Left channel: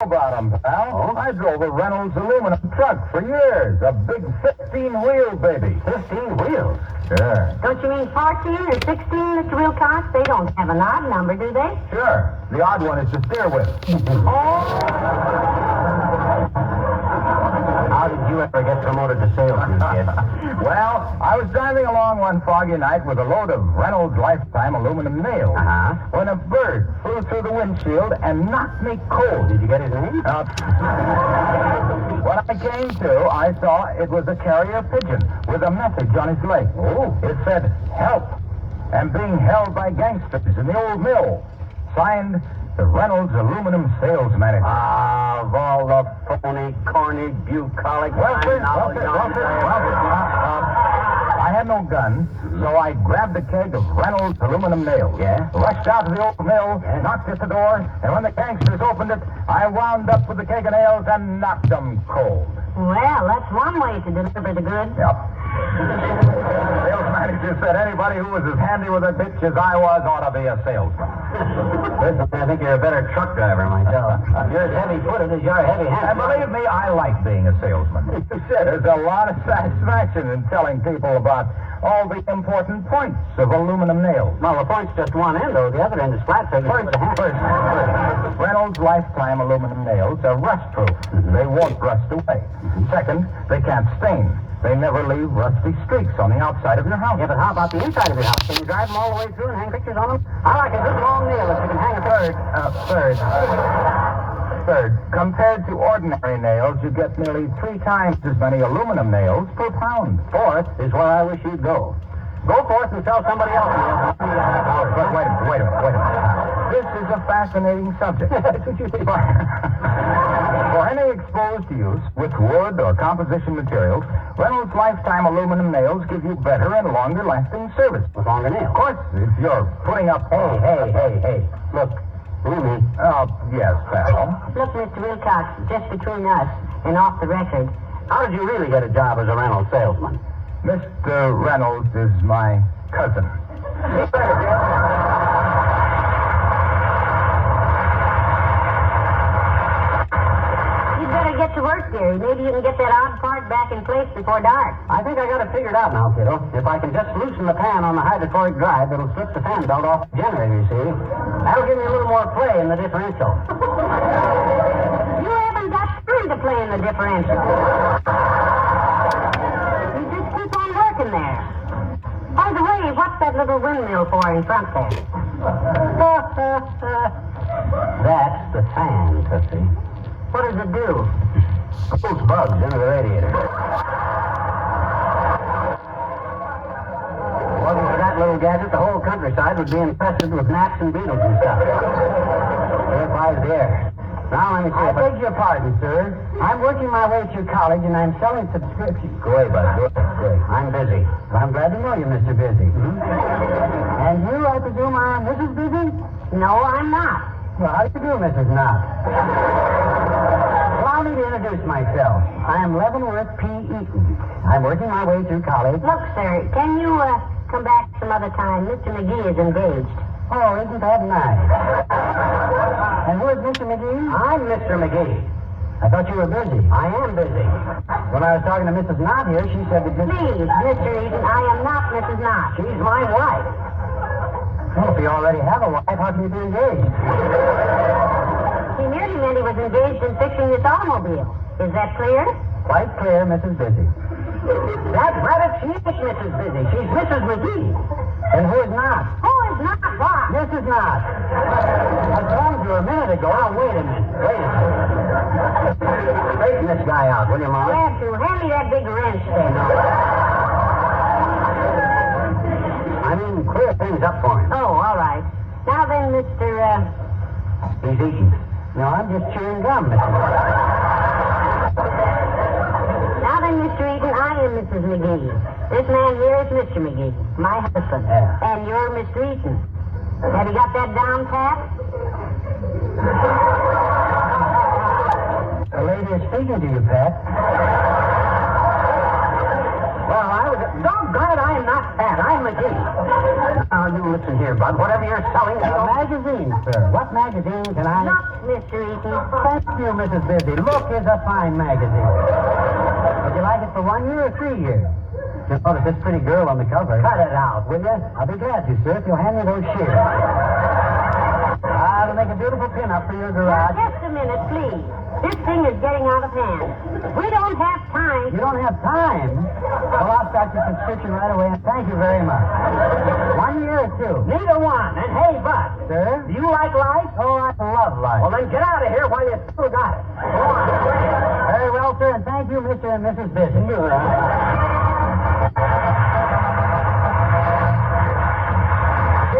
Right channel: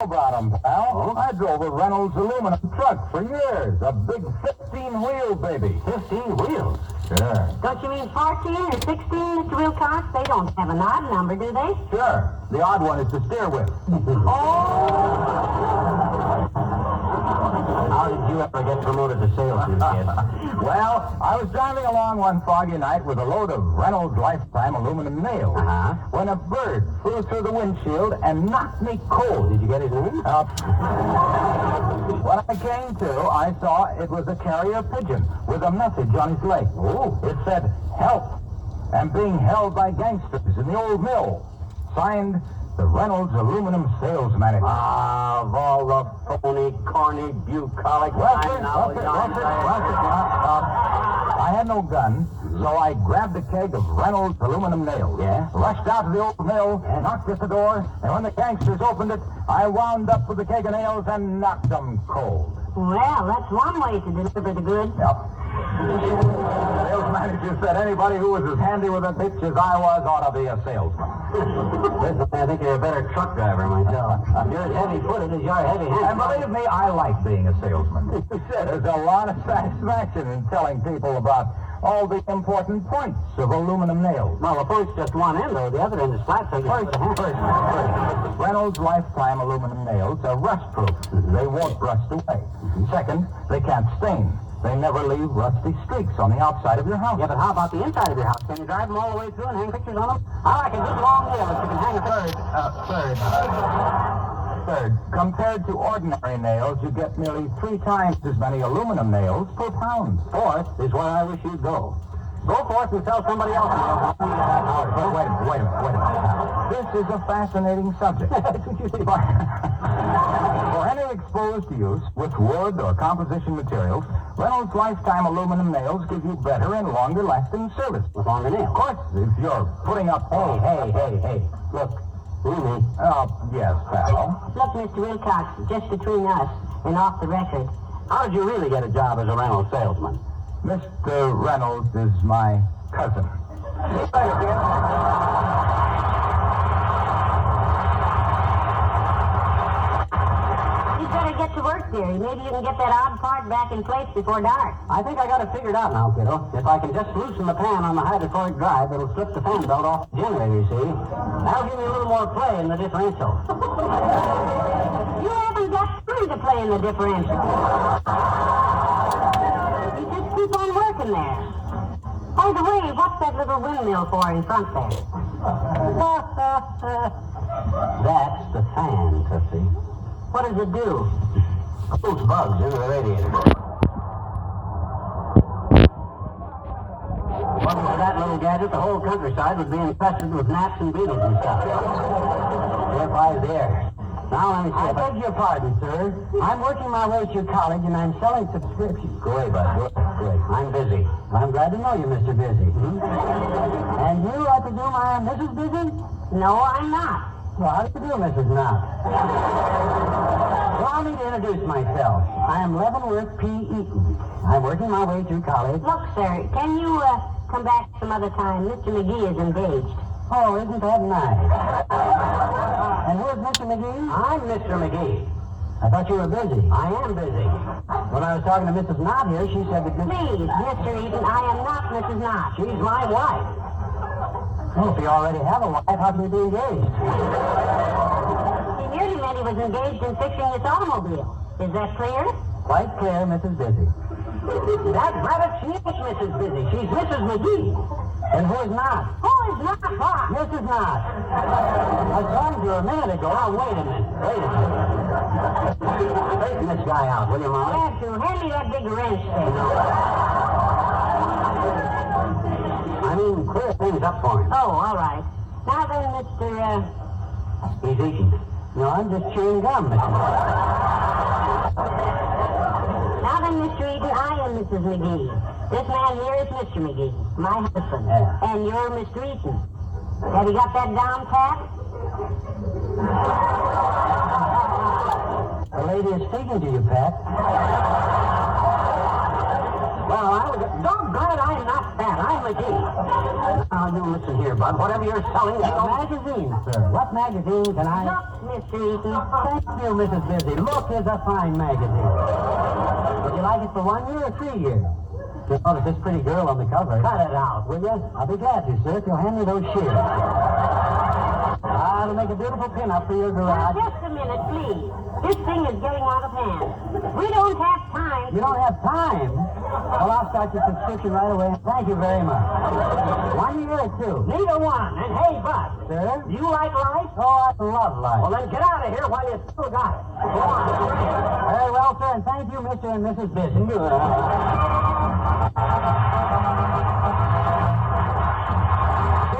About them, pal. Oh? I drove a Reynolds aluminum truck for years. A big 15-wheel baby. 15 wheels? Sure. Don't you mean 14 or 16, Mr. Wilcox? They don't have an odd number, do they? Sure. The odd one is to steer with. How did you ever get promoted to salesman, kid? Well, I was driving along one foggy night with a load of Reynolds Lifetime aluminum nails when a bird flew through the windshield and knocked me cold. Did you get his name? When I came to, I saw it was a carrier pigeon with a message on his leg. Oh. It said, "Help. I'm being held by gangsters in the old mill." Signed, the Reynolds aluminum sales manager. Ah, of all the phony, corny, bucolic... I had no gun, so I grabbed a keg of Reynolds aluminum nails. Yeah? Rushed out to the old mill, knocked at the door, and when the gangsters opened it, I wound up with the keg of nails and knocked them cold. Well, that's one way to deliver the goods. Yep. Sales manager said anybody who was as handy with a bitch as I was ought to be a salesman. Listen, I think you're a better truck driver myself. You're as heavy-footed as you're heavy-handed. And believe me, I like being a salesman. There's a lot of satisfaction in telling people about all the important points of aluminum nails. Well, the point's just one end, though. The other end is flat, so you can put the hand. First, Reynolds Lifetime aluminum nails are rust-proof. They won't rust away. Second, they can't stain. They never leave rusty streaks on the outside of your house. Yeah, but how about the inside of your house? Can you drive them all the way through and hang pictures on them? I like a good long nail that you can hang a Third, compared to ordinary nails, you get nearly 3 times as many aluminum nails per pound. Fourth is where I wish you'd go. Go forth and sell somebody else nails. But wait a minute. This is a fascinating subject. For any exposed use with wood or composition materials, Reynolds Lifetime aluminum nails give you better and longer-lasting service. With longer nails. Of course, if you're putting up... Hey. Look, Ruby. Oh, yes, pal. Look, Mr. Wilcox, just between us and off the record, How did you really get a job as a Reynolds salesman? Mr. Reynolds is my cousin. you'd better get to work, dearie. Maybe you can get that odd part back in place before dark. I think I got it figured out now, kiddo. If I can just loosen the pan on the hydrochloric drive, it'll slip the fan belt off the generator, you see. That'll give me a little more play in the differential. You haven't got time to play in the differential. You just keep on working there. By the way, what's that little windmill for in front there? That's the fan, Tootsie. What does it do? Pulls bugs into the radiator. Wasn't for that little gadget, the whole countryside would be infested with gnats and beetles and stuff. Purifies the air. Now let me see. I beg your pardon, sir. I'm working my way through college and I'm selling subscriptions. Go away, bud. Go away. I'm busy. I'm glad to know you, Mr. Busy. And you, I presume, are Mrs. Busy? No, I'm not. Well, how do you do, Mrs. Knott? Allow me to introduce myself. I am Leavenworth P. Eaton. I'm working my way through college. Look, sir, can you come back some other time? Mr. McGee is engaged. Oh, isn't that nice? And who is Mr. McGee? I'm Mr. McGee. I thought you were busy. I am busy. When I was talking to Mrs. Knott here, she said that... Please, Mr. Eaton, I am not Mrs. Knott. She's my wife. Well, if you already have a wife, how can you be engaged? He merely meant he was engaged in fixing this automobile. Is that clear? Quite clear, Mrs. Busy. That rabbit, she ain't Mrs. Busy. She's Mrs. McGee. And who is not? Who is not what? Mrs. Knott. I told you a minute ago. Now, wait a minute. Straighten this guy out, will you, Molly? Have to. Hand me that big wrench thing. I mean, clear things up for him. Oh, all right. Now then, Mr. He's eating. No, I'm just chewing gum, Mr. Now then, Mr. Eaton, I am Mrs. McGee. This man here is Mr. McGee, my husband. Yeah. And you're Mr. Eaton. Have you got that down pat? The lady is speaking to you, Pat. Well, I was... Doggone it, I am not fat. I'm McGee. Now, you listen here, Bud. Whatever you're selling... A magazine, sir. What magazine can I... Look, Mr. Eaton. Thank you, Mrs. Busy. Look is a fine magazine. Would you like it for 1 year or 3 years? Just notice this pretty girl on the cover. Cut it out, will you? I'll be glad to, sir, if you'll hand me those shears. I'll make a beautiful pin-up for your Now, garage. just a minute, please. This thing is getting out of hand. We don't have time. You don't have time? Well, I'll start your subscription right away, and thank you very much. 1 year or 2? Neither one. And hey, Bud. Sir? Do you like life? Oh, I love life. Well, then get out of here while you still got it. Go on. Very well, sir, and thank you, Mr. and Mrs. Busy.